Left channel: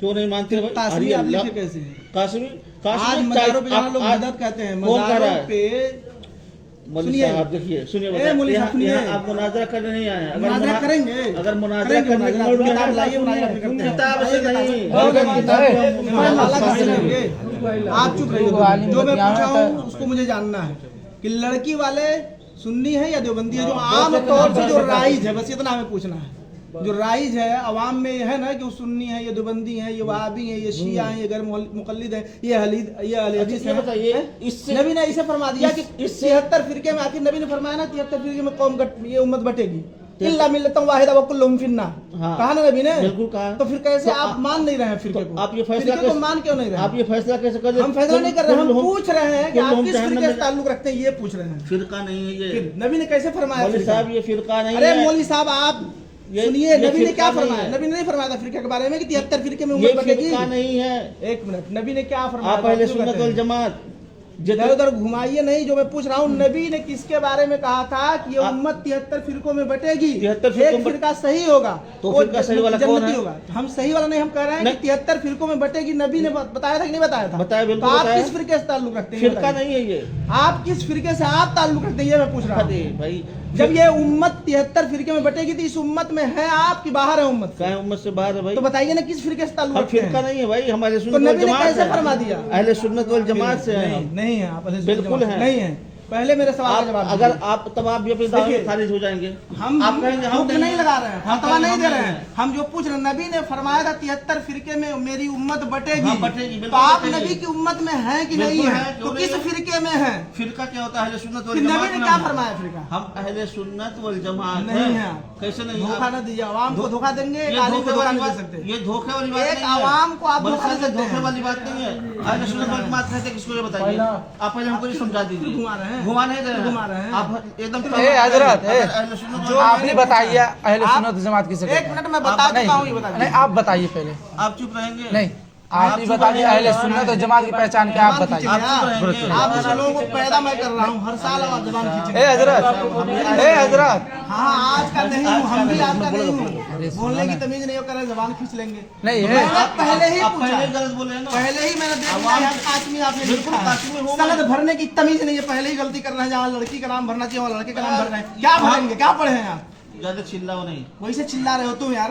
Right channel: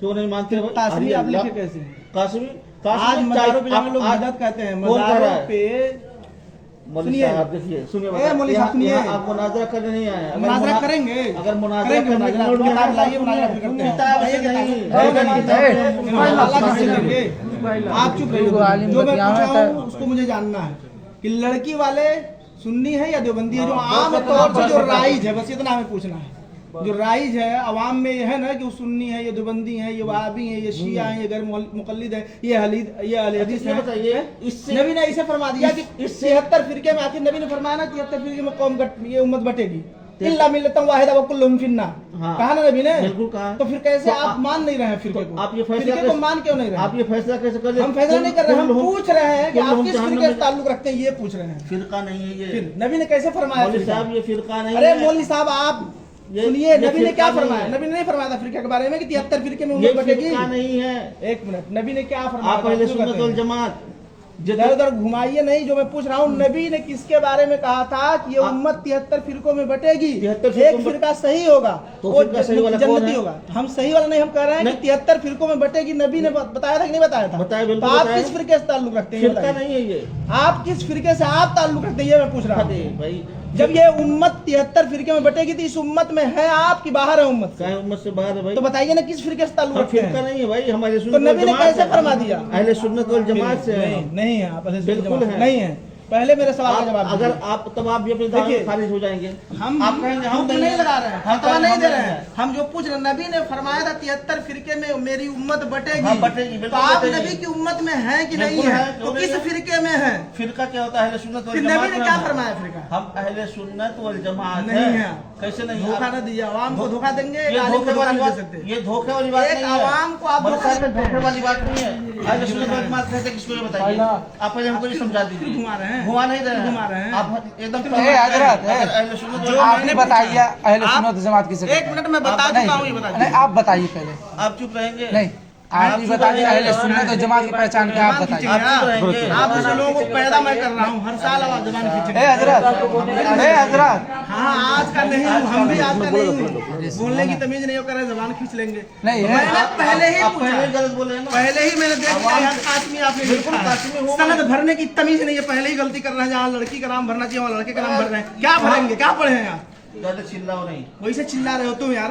क्यों नहीं मानते भाई? कासमी आप लिखे कैसे? कासमी आज मज़ारों पे जाना लोग मदद कहते हैं, मज़ारों पे मौलवी साहब देखिए, सुनिए आप मुनाजरा करने नहीं आए। अगर मुनाजरा करेंगे, अगर मुनाजरा करने की मूड में है किताब से नहीं, आप चुप रहिए। जो मैं पूछ रहा हूँ उसको मुझे जानना है कि लड़की वाले सुन्नी है या देवबंदी है, जो आम तौर पर जो राइज है, बस इतना हमें पूछना है। जो राइज है अवाम में ये है ना कि वो सुन्नी है, ये देवबंदी है, ये वहाबी है, ये शिया है, ये गैर मुक़ल्लिद है, ये अहले हदीस है। बताइए, नबी ने इसे फरमा दिया कि 73 फिरके में, आखिर नबी ने फरमाया ना 73 फिरके में कौम ये उम्मत बटेगी, इल्ला मिल्लतन वाहिदा व कुल्लुहुम फिन्नार। कहा ना नबी ने? बिल्कुल कहा। तो फिर कैसे आप मान नहीं रहे हैं फिरके को? आप ये फैसला को मान क्यों नहीं रहे? आप ये फैसला कैसे कर रहे हैं? हम फैसला नहीं कर रहे, हम पूछ रहे हैं कि आप किस फिरके से ताल्लुक रखते हैं, ये पूछ रहे हैं। फिरका नहीं है ये। नबी ने कैसे फरमाया? मौलवी साहब ये फिरका नहीं है। अरे मौलवी साहब आप सुनिए, नबी ने क्या फरमाया? नबी ने नहीं फरमाया था फिरके के बारे में कि 73 फिरके में उम्मत बटेगी? फिरका नहीं है। एक मिनट, नबी ने क्या फरमाया? आप अहले सुन्नत वल जमात इधर उधर घुमाइए नहीं। जो मैं पूछ रहा हूँ, नबी ने किसके बारे में कहा था कि ये उम्मत 73 फिरकों में बटेगी? एक फिरका सही होगा तो फिरका सही वाला कौन है? होगा। हम सही वाला नहीं, हम कह रहे हैं कि 73 फिरकों में बटेगी। नबी ने बताया था कि नहीं बताया था? बताया, बिल्कुल। तो आप किस फिरके से ताल्लुक रखते हैं? फिरका नहीं है ये। आप किस फिरके से आप ताल्लुक रखते हैं, ये मैं पूछ रहा हूँ भाई। जब ये उम्मत 73 फिरके में बटेगी तो इस उम्मत में है आप की बाहर है उम्मत? क्या उम्मत से बाहर है भाई? तो बताइए ना किस फिरके से ताल्लुक रखते हैं? फिरका नहीं है भाई, हमारे तो नबी ने कैसे फरमा दिया? अहले सुन्नत वल जमात से नहीं है आप, बिल्कुल है नहीं है। पहले मेरे सवाल का जवाब अगर आप तब आप भी अपनी दावा में खारिज हो जाएंगे। हम आप कहेंगे हम नहीं लगा रहे हैं, हम नहीं दे रहे हैं। हम जो पूछ रहे हैं, नबी ने फरमाया था 73 फिरके में मेरी उम्मत बटेगी। तो आप नबी की उम्मत में है कि नहीं है? तो किस फिरके में है? फिरका क्या होता है? अहले सुन्नत वल जमात। नबी ने क्या फरमाया फिरका? हम अहले सुन्नत वल जमात नहीं है। कैसे नहीं? धोखा न दीजिए, आवाम को धोखा देंगे। ये धोखे वाली बात, ये धोखे वाली बात नहीं है। आवाम को आप धोखे वाली बात नहीं है। अहले सुन्नत वल जमात कहते किसको ये बताइए आप, पहले हमको ये समझा दीजिए। घुमा रहे हैं, घुमा नहीं रहे हैं आप एकदम। जो आपने बताया अहले सुन्नत जमात किसे? एक मिनट में बता देता हूँ, ये बताइए। आप बताइए पहले। आप चुप रहेंगे? नहीं, आप बताइए अहले सुन्नत जमात की पहचान क्या? आप बताइए। आप लोगों को पैदा मैं कर रहा हूँ, हर साल आवाज जबान खींचेंगे। हज़रत हाँ, आज का नहीं हूँ, हम भी आज का नहीं हूँ। बोलने की तमीज नहीं हो कर जबान खींच लेंगे। नहीं, पहले ही पूछा, गलत बोले हैं ना। पहले ही मैंने देख लिया कासमी, आपने बिल्कुल कासमी हूँ। सनद भरने की तमीज नहीं है, पहले ही गलती कर रहे हैं। जहाँ लड़की का नाम भरना चाहिए वहाँ लड़के का नाम भर रहे हैं। क्या भरेंगे? क्या पढ़े हैं आप? ज्यादा चिल्लाओ नहीं। वैसे चिल्ला रहे हो तुम यार।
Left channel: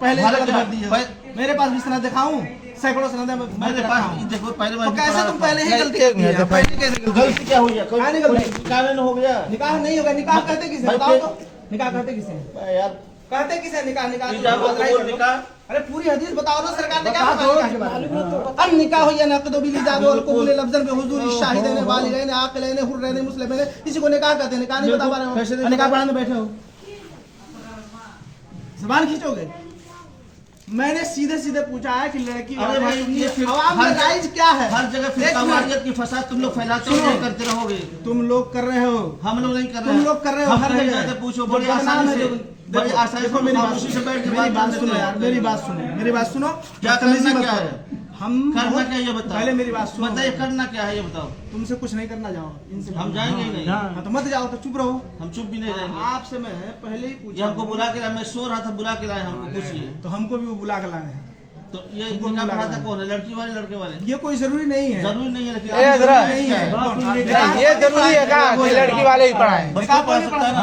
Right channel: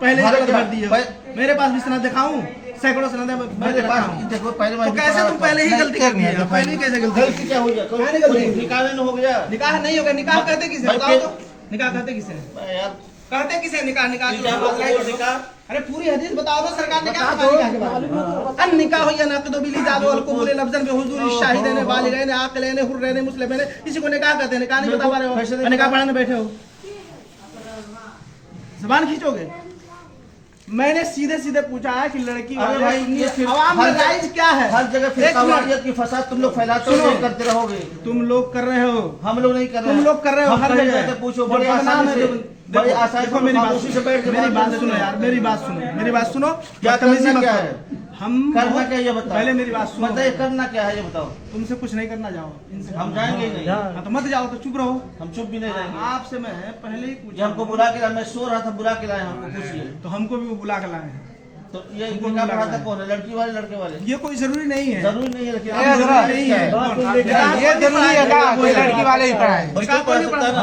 पहले गलत भर दिए। मेरे पास भी सनद दिखाऊं, सैकड़ों सनद मेरे पास। देखो पहले तो कैसे तुम पहले ही गलती कर दिए? पहले कैसे गलती क्या हुई? निकाह नहीं हो गया? निकाह नहीं होगा। निकाह कहते किसे बताओ तो? निकाह कहते किसे यार? कहते किसे निकाह? निकाह अरे पूरी हदीस बताओ ना, सरकार ने क्या फरमाया के बारे में? अन निकाह या नक़द बिल इजाज़ वल क़बूल लफ्ज़न बि हुज़ूर शाहिदैन बालिगैन आक़िलैन हुर्रैन मुस्लिमैन। इसी को निकाह कहते हैं। निकाह नहीं बता पा रहे हो? निकाह पढ़ाने बैठे हो, ज़बान खींचोगे। मैंने सीधे सीधे पूछा है कि लड़की आवाम में राइज क्या है? हर जगह फिरकावारियत की फसाद तुम लोग फैलाते हो, नहीं करते रहोगे। तुम लोग कर रहे हो, हम लोग नहीं कर रहे। तुम लोग कर रहे हो। हर जगह पूछो, बड़े आसानी से, बड़ी आसानी से मेरी बात से बैठ के मेरी बात सुनो यार, मेरी बात सुनो, मेरी बात सुनो। क्या करना क्या है? हम करना क्या ये बताओ। पहले मेरी बात सुनो। बताइए करना क्या है ये बताओ। तुमसे कुछ नहीं करना, जाओ इनसे। हम जाएंगे ही नहीं। हाँ तो मत जाओ, तो चुप रहो। हम चुप भी नहीं रहेंगे। आपसे मैं पहले ही पूछा, हमको बुला के लाए। मैं सो रहा था, बुला के लाए हमको। पूछिए। तो हमको भी वो बुला के लाए हैं। तो ये निकाह पढ़ाता कौन है? लड़की वाले लड़के वाले? ये कोई जरूरी नहीं है। जरूरी नहीं है, लेकिन ये जरूरी है ना, कोई लड़की वाले ही पढ़ाए। बस कोई पढ़ सकता है ना,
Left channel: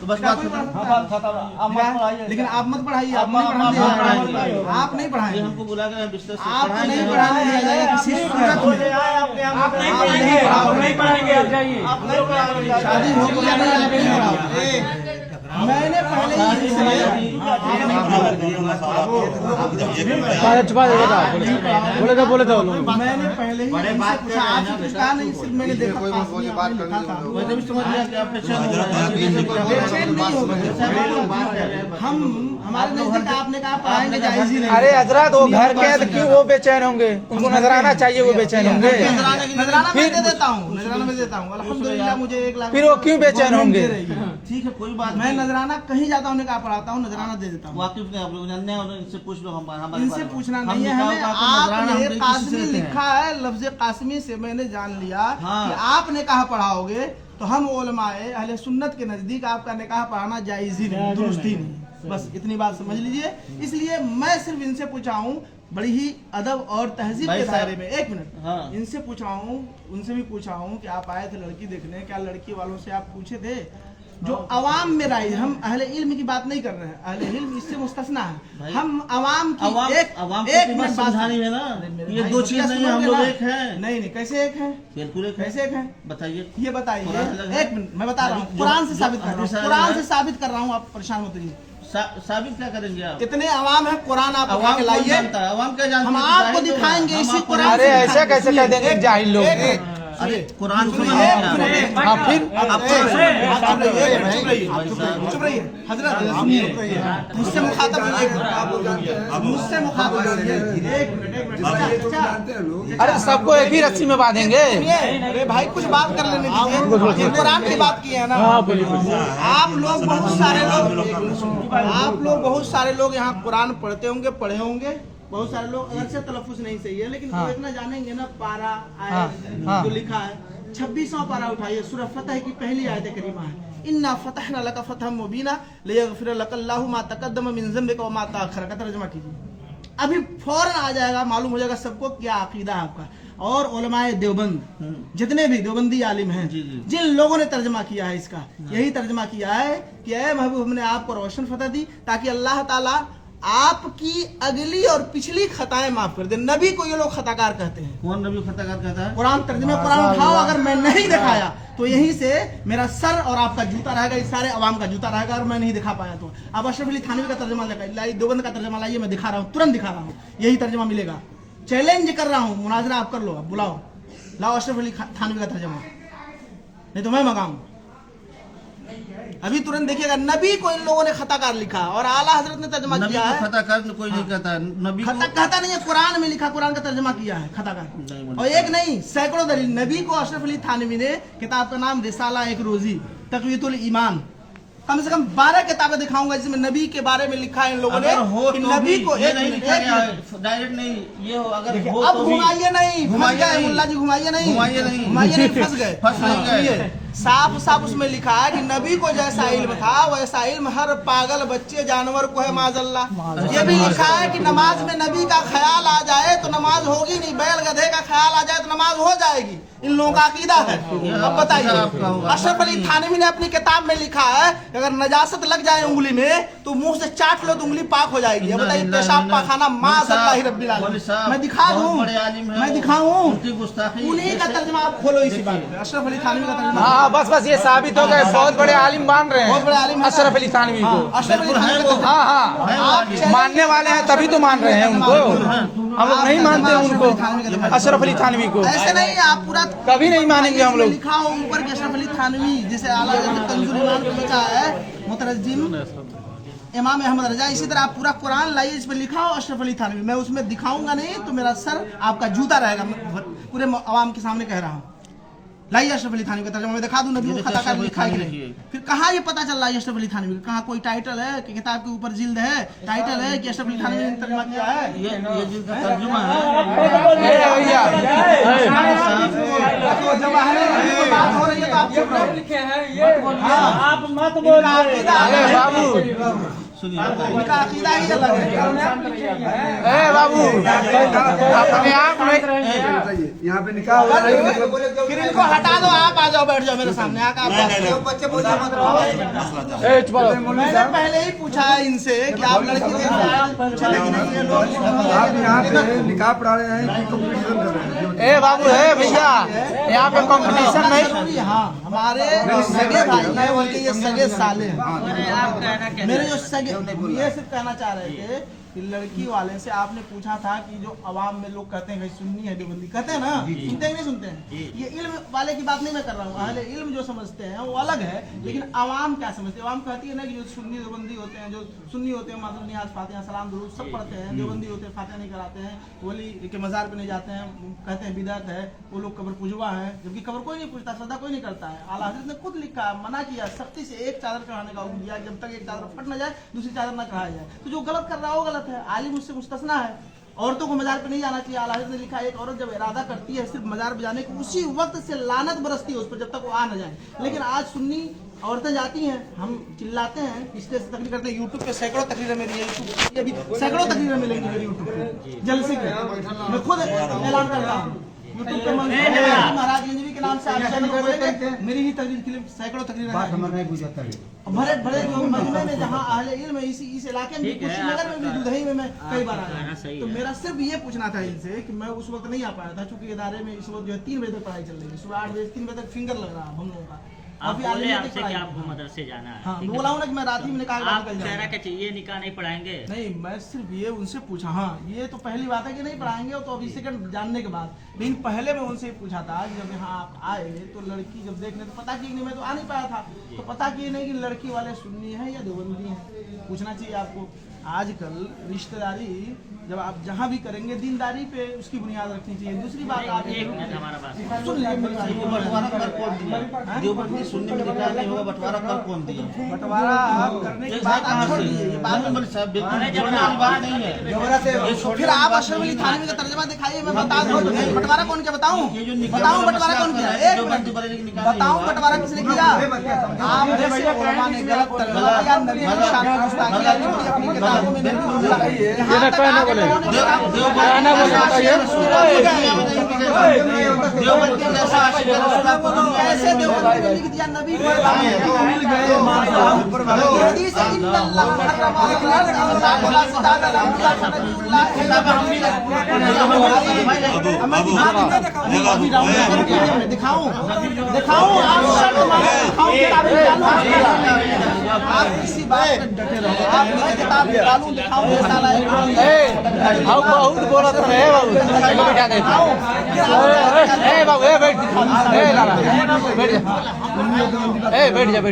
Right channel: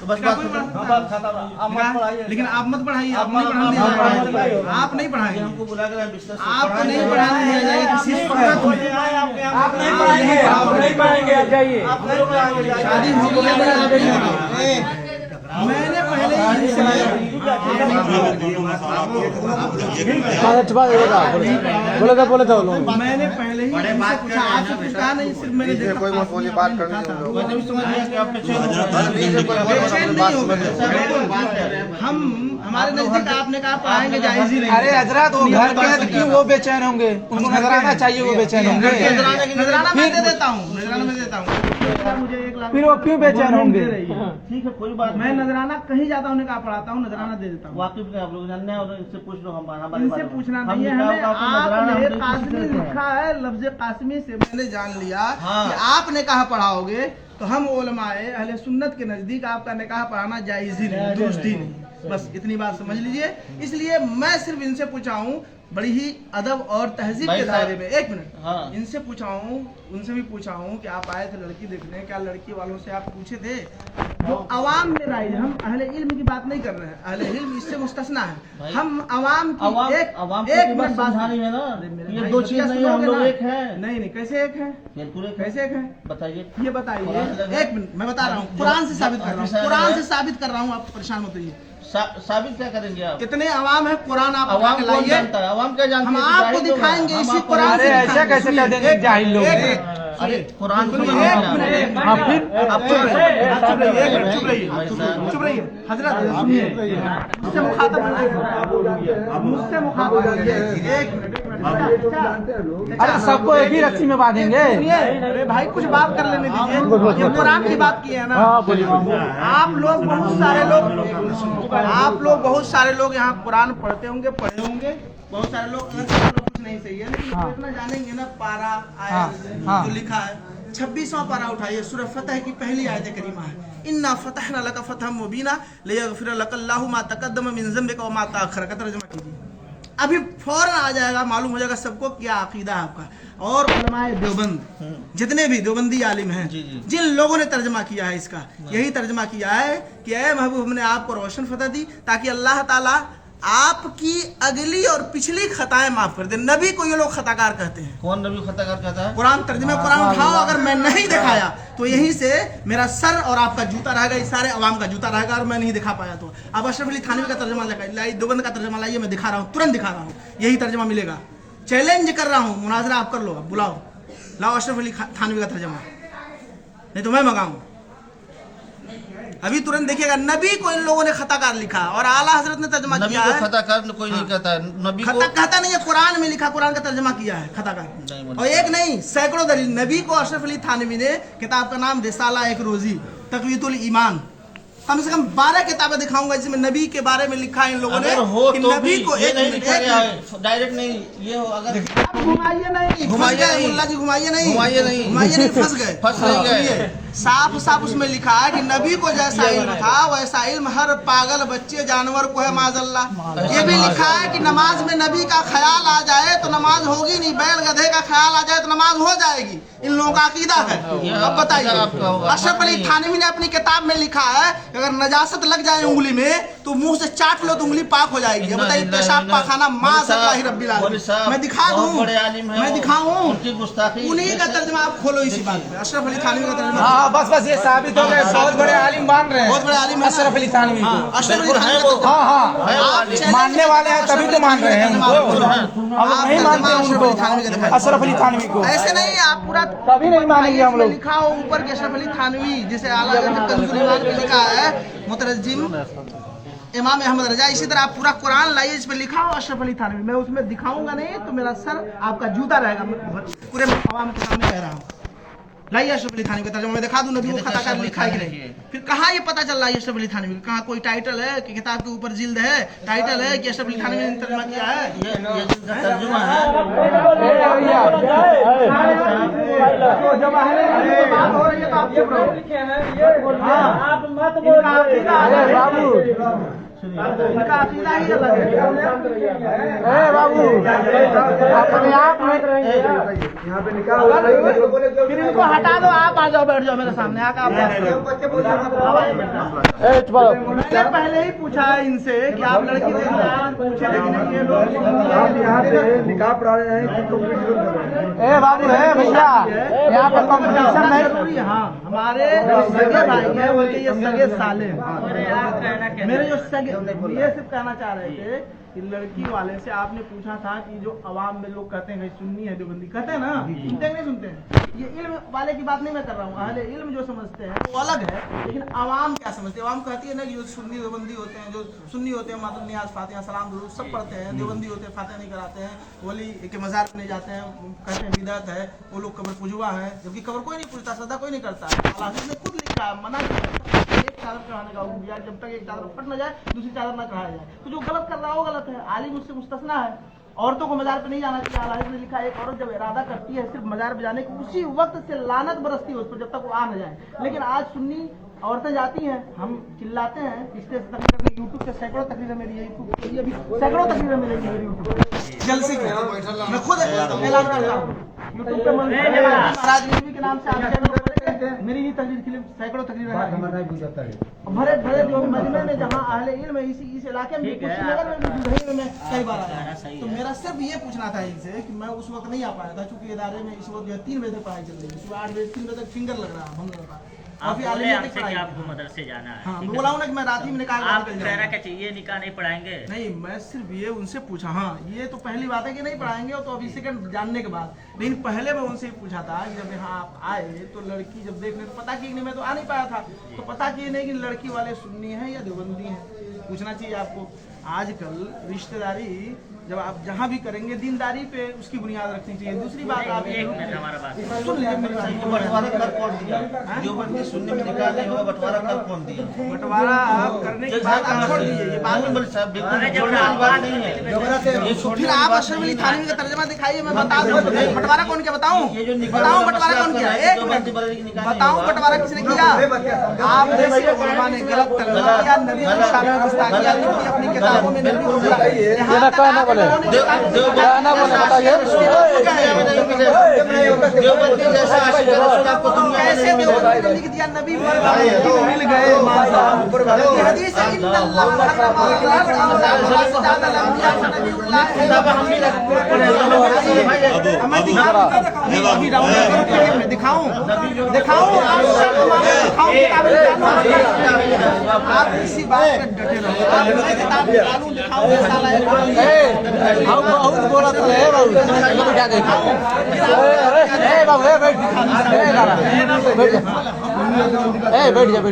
तो बस बात खत्म। लेकिन आप मत पढ़ाइए, आप नहीं पढ़ाइए, आप नहीं पढ़ाइए। हमको बुला के बिस्तर आप नहीं पढ़ाने दिया जाएगा किसी सूरत में। आप नहीं पढ़ाएंगे, आप जाइए। शादी हो गई, मैंने पहले ही बोले तो मैंने पहले ही इनसे पूछा। आपसे कुछ कहा नहीं, सिर्फ मैंने देखा कोई बोली बात करनी है। मैंने भी समझ लिया कि आप बेचैन हो गए। हम हमारे नजदीक आपने कहा पढ़ाएंगे, जायज ही नहीं। अरे हजरत वो घर के हैं तो क्यों वो बेचैन होंगे? उनको नजराना चाहिए, वो बेचैन होंगे। नजराना मैं दे देता हूँ, नजराना मैं देता हूँ। मुझे 1 लाख। फिर वो क्यों बेचैन होंगे? ठीक है, कोई बात। मैं नजराना कहीं जाता हूँ, कहा पढ़ाता हूँ, नजराना दे देता हूँ। वाकिफ नहीं आप लोग जानते हैं, और इनसे पूछ लो। हम इनसे पूछना नहीं है हमें। आपने कासमी लिखा है, लफ्ज कासमी से मैंने जान लिया कि आपने कहा पढ़ाओगे। तो हम उलमाए अहले सुन्नत के नजदीक आपका निकाह पढ़ाना जायज ही नहीं, दुरुस्त ही नहीं। बस इतनी बात समझ लीजिए। इसलिए मैं सिर्फ इनसे पूछा हूँ बड़ी ही अदब और तहजीब के दायरे में, एक मिनट, हाँ। इनसे पूछा हूँ, उनसे भी पूछा हूँ कि आप आए थे लड़की देखने, क्या लड़की वालों से आप पूछे थे? जो अवाम में राय, हम अहले इल्म की बात नहीं कर रहे हैं, अहले इल्म इससे मुस्तस्ना है। हम अवाम की एक मिनट समझानी है ना, ये दो चीज नहीं है, हम लोग एक हैं। नहीं, कैसे एक हैं? बिल्कुल एक कैसे एक हैं? बताइए, ये बताइए। एक मिनट, मैं बता रहा हूँ, कुरान से साबित कर रहा हूँ, कुरान से साबित कर रहा हूँ, आप परेशान मत होइए। साबित क्या करेंगे आप? कितने अवाम है, कुरान आप अवाम कौन जानता है? अवाम क्या जानती है? हम आपको दिखाएंगे इसी कुरान से। ऐसा कैसे कह देंगे जाहिल लोग? अरे कुरान फिर चुप रहिए हजरत, सुनिए, मुझसे मुखातब अरे सबको एक ही रस्सी में बांधेंगे। अरे भाई कुछ बात कर लेने दीजिए, ये कुरान की बात की है ना। आप लोग बहुत सारे लोग यहाँ कुरान पढ़ते होंगे, पढ़े होंगे, बहुत सारे लोग कुछ नहीं सही है, लेकिन इतना जानेंगे ना, पारा आया जो लिखा है 26वां पारा उठाइए, सूरह फतह की पहली आयत करीमा है, इन्ना फतहना लका फतहम मुबीना लियगफिर लकल्लाहु मा तक़द्दम मिन ज़म्बिका व मा तअख़्ख़र का तर्जुमा कीजिए। अभी फौरन आ जाएगा, मालूम हो जाएगा सबको क्या अकीदा है आपका। और उलमाए देवबंद, जितने भी देवबंदी आलिम हैं, जिन लोगों ने तर्जमा किया है इसका, यही तर्जमा किया है कि ऐ महबूब, हमने आपको रोशन फतह दी ताकि अल्लाह ताला आपकी अगली और पिछली खताएं माफ कर दे। नबी को ये लोग खताकार कहते हैं। कौन नबी खताकार कहता है? कुरान तर्जुमे कुरान उठाओ, अगर मैं नहीं दिखाया तो यहीं से मेरा सर और आपका जूता रहेगा, इस सारे अवाम का जूता रहेगा, और मैं नहीं दिखा पाया तो अब अशरफ अली थानवी का तर्जुमा लाइए, देवबंद का तर्जुमा लाइए, मैं दिखा रहा हूँ, तुरंत दिखा रहा हूँ, यही तर्जुमा मिलेगा। चैलेंज कर रहा हूँ, मुनाजरा आप कर लो, आप बुलाओ, लाओ अशरफ अली थानवी का तर्जुमा, नहीं तो मैं मंगाऊं। अभी तुरंत देखिएगा, नबी को इन लोगों ने खताकार लिखा और आला हजरत ने तर्जुमा किया है। खताकार कोई नहीं कहता है, नबी को कहता नहीं है, कुरान में लिखा, कुरान का तर्जुमा किया है खताकार। और एक नहीं, सैकड़ों दलील। नबी को अशरफ अली थानवी ने, किताब का नाम रिसाला एक रोजी तक़वियतुल ईमान, कम से कम 12 किताबें दिखाऊंगा जिसमें नबी के बारे में लिखा है इन लोगों ने। हो कि तो नबी को ये नहीं लिखा गया है, डायरेक्ट नहीं, ये हो अगर अब घुमाइए नहीं, मुल्ला जी घुमाइए नहीं, फंस गए। साफ साफ उसमें लिखा है कि नबी को जैसा इल्म था वैसा इल्म हर पागल बच्चे जानवर को है, माजल्ला। ये भी लिखा है कि नमाज में नबी का ख्याल आ जाए तो नमाज होगी नहीं, बैल गधे का ख्याल आ जाए तो नमाज हो जाएगी। इन लोगों का अकीदा है। अब बताइए, अशरफ अली थानवी ने अपनी किताब में लिखा है अगर नजासत लग जाए उंगली में तो मुंह से चाट लो तो उंगली पाक हो जाएगी। बताइए, पेशाब पाखाना माज़अल्लाह रब्बिल आलमीन। मैं दिखा दूं, मैं दिखाऊं, उन्हीं का तर्जुमा आप खोलो इसी बात पे, अशरफ अली थानवी का तर्जुमा। बस ये साबित हो गया, बहुत बड़े आलिम मान रहे हैं, बहुत बड़े आलिम है अशरफ अली थानवी को। अशरफ अली थानवी को मानने वाले हैं तभी तो मान रहे हैं उनको, अब नहीं मानते अशरफ अली थानवी को। ऐसे नहीं, आप पूरा कभी नहीं मानेंगे हम लोग। लिखा हो ऊपर के अशरफ अली थानवी, जैसे आला हज़रत कंजुल ईमान पे लिखा है मुतरज्जिम इमाम अहमद रजा, इसी तरह आप पूरा कुरान लाइए, इस पे लिखा हो अशरफ अली थानवी। मैं उसमें दिखाऊंगा नहीं तो मेरा सर आपका जूता रहेगा, पूरे आवाम के सामने कह रहा हूँ। लाइए अशरफ अली थानवी का तर्जुमा मैं दिखा दूं, नबी को खताकार लिखा है कि नहीं। फिर कहाँ ये पता चल रहा है अशरफ अली थानवी का? कहाँ कोई टाइटल है कि किताब के ऊपर जिल्द है, टाइटल है कि अशरफ अली थानवी ने तर्जुमा किया है? ये जिनका तर्जुमा है, आप मत बोलिए, सुनिए, इनका अकीदा ही अलग है। बाबू यहाँ पे निकाह हुआ है, फिर इनको हटा दो, आप आ जाओ, बैठ जाओ मेरे सामने आकर। मैंने पहले ही पूछा इनसे कि आप लड़की आप यहाँ पे निकाह पढ़ा रहे हैं कि कंपटीशन कर रहे हैं? ए बाबू है भैया, यहाँ पे कंपटीशन नहीं। हाँ, हमारे सगे भाई हैं, उनके ये सगे साले हैं। मेरे जो सगे, ये सिर्फ कहना चाह रहे थे कि लड़की वाले से आपने पूछा था कि जो अवाम में लोग कहते हैं सुन्नी है देवबंदी, कहते हैं ना, सुनते हैं नहीं सुनते हैं? ये इल्म वाले की बात नहीं मैं कर रहा हूँ, अहले इल्म जो समझते हैं वो अलग है, लेकिन अवाम क्या समझते हैं? अवाम कहती है ना कि जो सुन्नी देवबंदी होते हैं, जो सुन्नी होते हैं मातुल नियाज फातिहा सलाम दुरूद सब पढ़ते हैं, देवबंदी होते हैं फातिहा नहीं कराते हैं, वली के मज़ार पे नहीं जाते हैं, कहते हैं बिदअत है, वो लोग कब्र पुजवा है, जबकि कब्र कोई नहीं पूजता, श्रद्धा कोई नहीं करता है। आला हज़रत ने खुद लिखा, मना किया सबसे एक चादर चढ़ाने का हुक्म दिया, जब तक एक चादर फट न जाए दूसरी चादर न चढ़ाया जाए। तो जो गलत कर रहा है वो गलत है, आलिम उससे मुस्तस्ना है। औरतों को मजार पे नहीं जाना चाहिए। आला हज़रत ने लिखा, एक औरत जब इरादा करती है सिर्फ मजार पे जाने की, उसी वक्त से लानत बरसती है उस पर जब तक वो आ न जाए। लेकिन आज सुन्नी औरतें जाती हैं, हम चिल्लाते हैं, स्टेज से तकरीर करते हैं, यूट्यूब पे सैकड़ों तकरीरें मेरी है, ये भी सैकड़ों तकरीरें मिलेंगी मेरी यूट्यूब पे जलसे की। मैं खुद ऐलान करता हूँ यूट्यूब पे महाराज जी के नाम से आप चैनल खोलेंगे, मेरी ही तकरीर के लिए सैकड़ों तकरीरें भरे भरे जो मजमे में जहाँ अहले इल्म है, इस इलाके में कुशीनगर में भी दुधई में मैं कई बार आया। तो मेरा सिर्फ ये पूछना था इनसे कि मैं उस वक्त नहीं आ पाया था, क्योंकि इदारे में इस वक्त जो है 3 बजे तक पढ़ाई चल रही है, सुबह 8 बजे 3 बजे तक फिंगर लग रहा है, हम लोगों का। आप बोले आपसे कि आपको मदरसे जाना है। हाँ, मैं बोला हूँ ना कि मैं रात ही में निकाल आप कह रहा कि ये निकाह नहीं पढ़ाएंगे। नहीं, मैं सिर्फ ये उनसे पूछा। हाँ, ये तो पहली बात है कि नहीं पढ़ाएंगे, तो अभी सेकंड जानने के बाद। लेकिन पहले मैं उनसे पूछा था, जब यहाँ आप आए तो लड़की जब देखने तो पता की नहीं, मैं तो आ नहीं पाया था, तो पता की नहीं कि लड़की वाले सुन्नी है या देवबंदी है, पूछना चाहिए आपको। आजकल रिश्तेदारी जब आप जहाँ भी करेंगे दीनदारी पे उसकी बुनियाद रखनी चाहिए। दूसरी बात आप हमारा बात सुन लीजिए मेरी बात। बंटवारा कर कौन दिया? जो बंदी सुनने में निकाल नहीं होगा, बंटवारा कर कौन दिया? बंटवारा आप करने के बाद आप छोड़ दीजिए, ये बाद में बोले साहब बिल्कुल छोड़ने वाली बात नहीं है। फिर आप अशरफ अली थानवी का तर्जमा दिखाइए, मैं बता दूं बंटवारा कौन किया, बताऊं बताऊं बंटवारा कौन किया, एक मिनट बताऊं बंटवारा किसने किया। आपने उलमा ने गलत तर्जमा किया, नबी की शान में गुस्ताखियां लिखी अपनी किताबों में, यहां तक देवबंदी जैसा आशिक रसूल आपको दुनिया में नहीं मिलेगा। ऐसे लिख दिया नबी मिल गए हदीस इन्नल्लाह अभी राउंड दिखाऊं आप किसी बात पे डटे रहो, आप किताब निकालूं दिखाऊं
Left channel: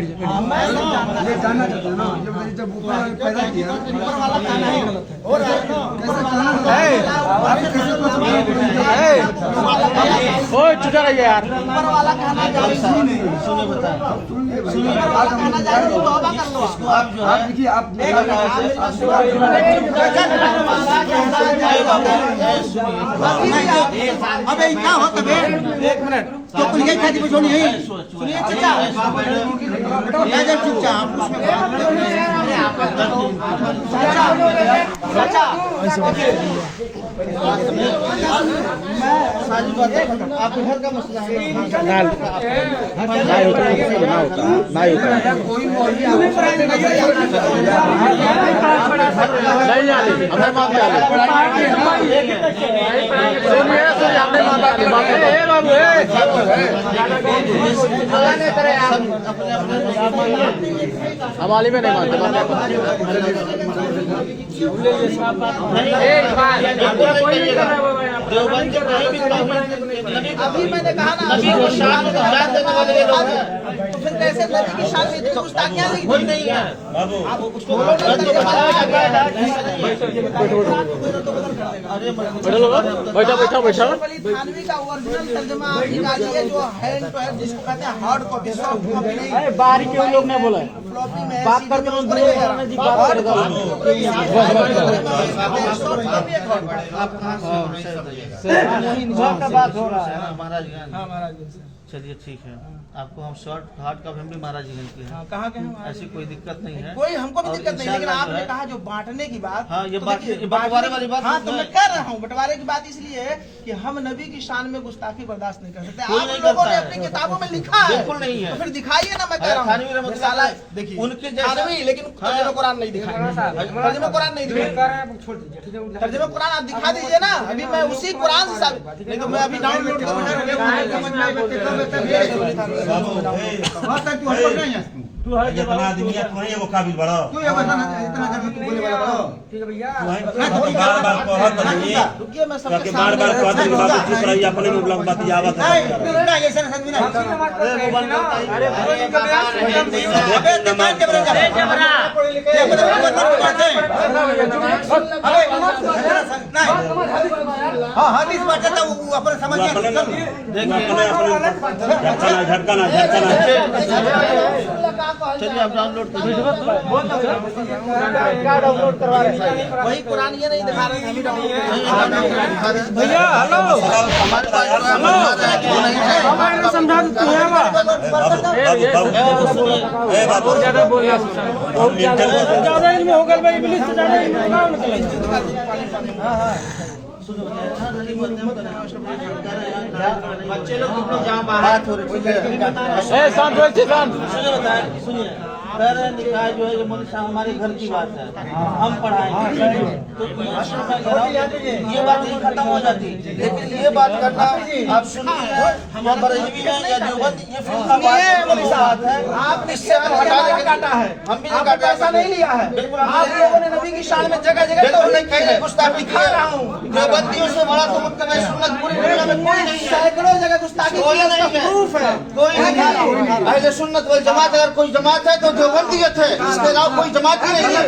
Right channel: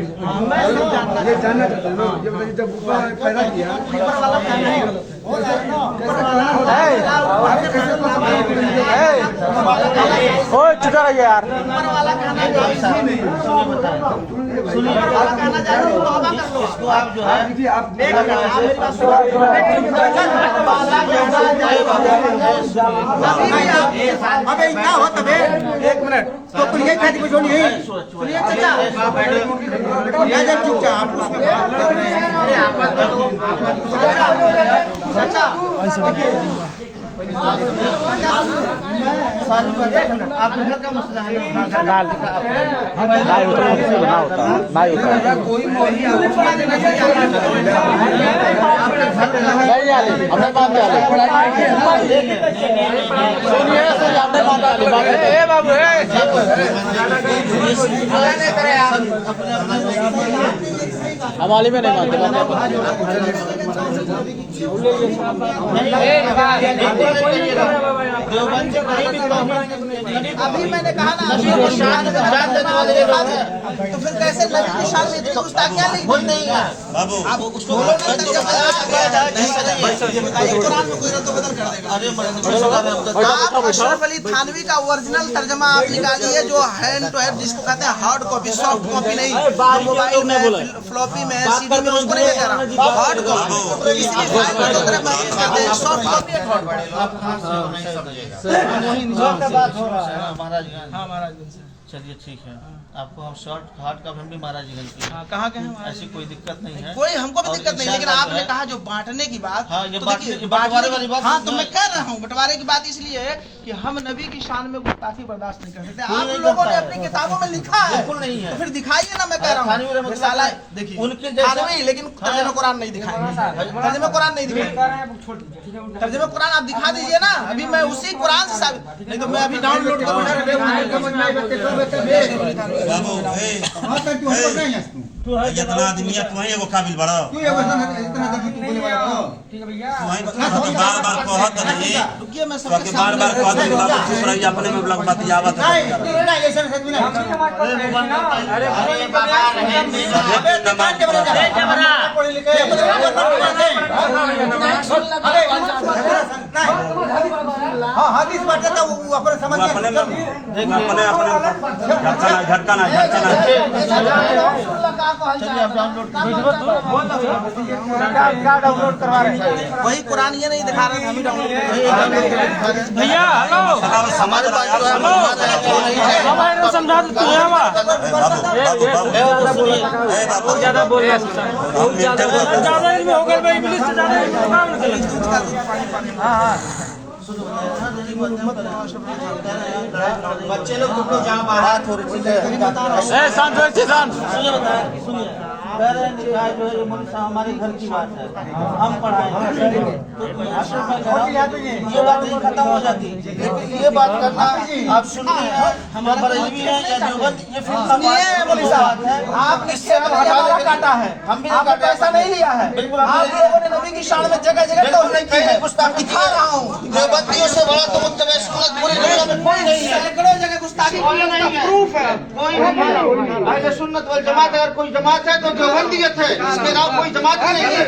ये जानना चाहते हैं ना, ये बताइए जब ऊपर पैदा किया ऊपर वाला कहना ही गलत है, यार ऊपर वाला कहना जो है सुनिए बताएं, ऊपर वाला कहना चाहे तो तौबा कर लो। इसको आप जो है देखिए आप अबे क्या हो तबे एक मिनट तो कुल यही खाती बचोनी है। सुनिए चाचा, या जब चुपचाप उसमें बात कर रहे हैं सारी बातें आपके घर का मसला है हमारे में नहीं मानते अभी मैंने कहा ना अभी वो शान देने वाले लोग हैं, तो फिर कैसे नबी की शान में इतनी गुस्ताखियां लिख दी नहीं है। आप उसको बोलो ना तर्जुमा ये बताइए कुरान में कोई रद्द बदल कर देगा। अशरफ अली थानवी का ओरिजिनल तर्जुमा आप निकालिए, जो हैंड टू हैंड जिसको कहते हैं हार्ड कॉपी, सॉफ्ट कॉपी नहीं, मोबाइल में फ्लॉपी में सीडी में उसको नहीं कह रहा, हार्ड कॉपी। इसलिए सॉफ्ट कॉपी है हार्ड महाराजगंज। हाँ महाराज चलिए ठीक है, आपको हम शॉर्ट हार्ड का हम भी महाराजगंज की है। कहाँ के हैं ऐसी कोई दिक्कत नहीं है, कोई हमको भी दिक्कत नहीं, लेकिन आपने कहा जो बांटने की बात, हाँ, ये तो बांटने- देखिए, बंटवारे वाली बात हाँ तो नहीं मैं कह रहा हूँ बंटवारे की बात इसलिए है कि हम नबी की शान में गुस्ताखी बर्दाश्त नहीं कर सकते। कोई आप नहीं लोगों करता ने है। अपनी किताबों में लिखा है, बिल्कुल नहीं है। तो फिर दिखाइए ना, मैं कह रहा थानवी हूँ रहमत रिसाला अल्लाह देखिए उनके जैसा- थानवी, लेकिन तर्जुमा कुरान नहीं दिखाएंगे, तर्जुमा कुरान नहीं दिखाएंगे, तर्जुमा कुरान आप दिखा दीजिए ना। अभी मैं उसी कुरान से साबित, नहीं तो मैं अभी डाउनलोड जितना आदमी है तुम्हें एगो काबिल बड़ा बार बार कहत नहीं रुकिए, मैं तो सबके के बार बार सामने कहत नहीं बाबू चुप रही अपने में बुलंद बात आवत है अपने झटका ना चलिए आप डाउनलोड कीजिए। क्या डाउनलोड करवा रहे हैं? वही कुरान ये नहीं दिखा रहे, हम ही डाउनलोड भैया हेलो हमारे पास जो है मौजूद है, वो नहीं है। समझा देते हैं बहुत ज्यादा बोल रहा ज्यादा में होगा भाई इंग्लिश से ज्यादा बच्चे लोग तुम लोग जहाँ बात हो रही है, सुनिए मेरा निकाह जो है ये मोदी साहब हमारे घर की बात है, हम पढ़ाएंगे तो ये बात नहीं खत्म हो जाती। लेकिन ये बात करना आप सुनिए, हम बरेलवी हैं या देवबंद, ये फिर बात है। आप इससे हमारा काटा है, हम भी आपने पैसा नहीं लिया है। बिल्कुल आप लोगों ने नबी की शान में जगह जगह तौहीद की है। गुस्ताखी की है। देवबंदियों से बड़ा तो मुत्तबा सुन्नत पूरी दुनिया में कोई नहीं है। सैकड़ों जगह गुस्ताखी की है, उसका प्रूफ है। कोई नहीं है। अहले सुन्नत वल जमात अगर कोई जमात है तो देवबंदियत है, इसके अलावा कोई जमात ही नहीं है।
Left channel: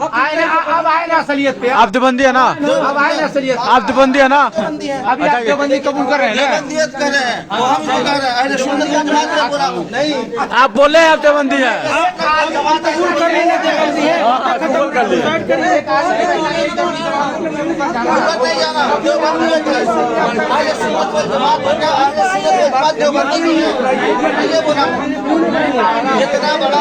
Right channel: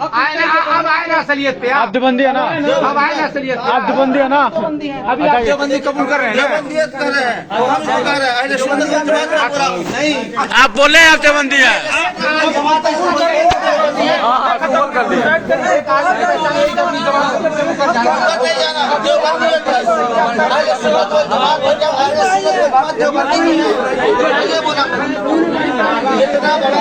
अब आए ना असलियत पे, आप देवबंदी है ना, अब आए ना असलियत, आप देवबंदी है ना, अभी आप देवबंदी कबूल कर रहे हैं, देवबंदियत कर रहे हैं, वो हम तो कर रहे हैं। अहले सुन्नत वल जमात का पूरा नहीं, आप बोले आप देवबंदी है। देवबंदियत है। अहले सुन्नत वल जमात हो गया, अहले सुन्नत वल जमात देवबंदी नहीं है। ये बोला इतना बड़ा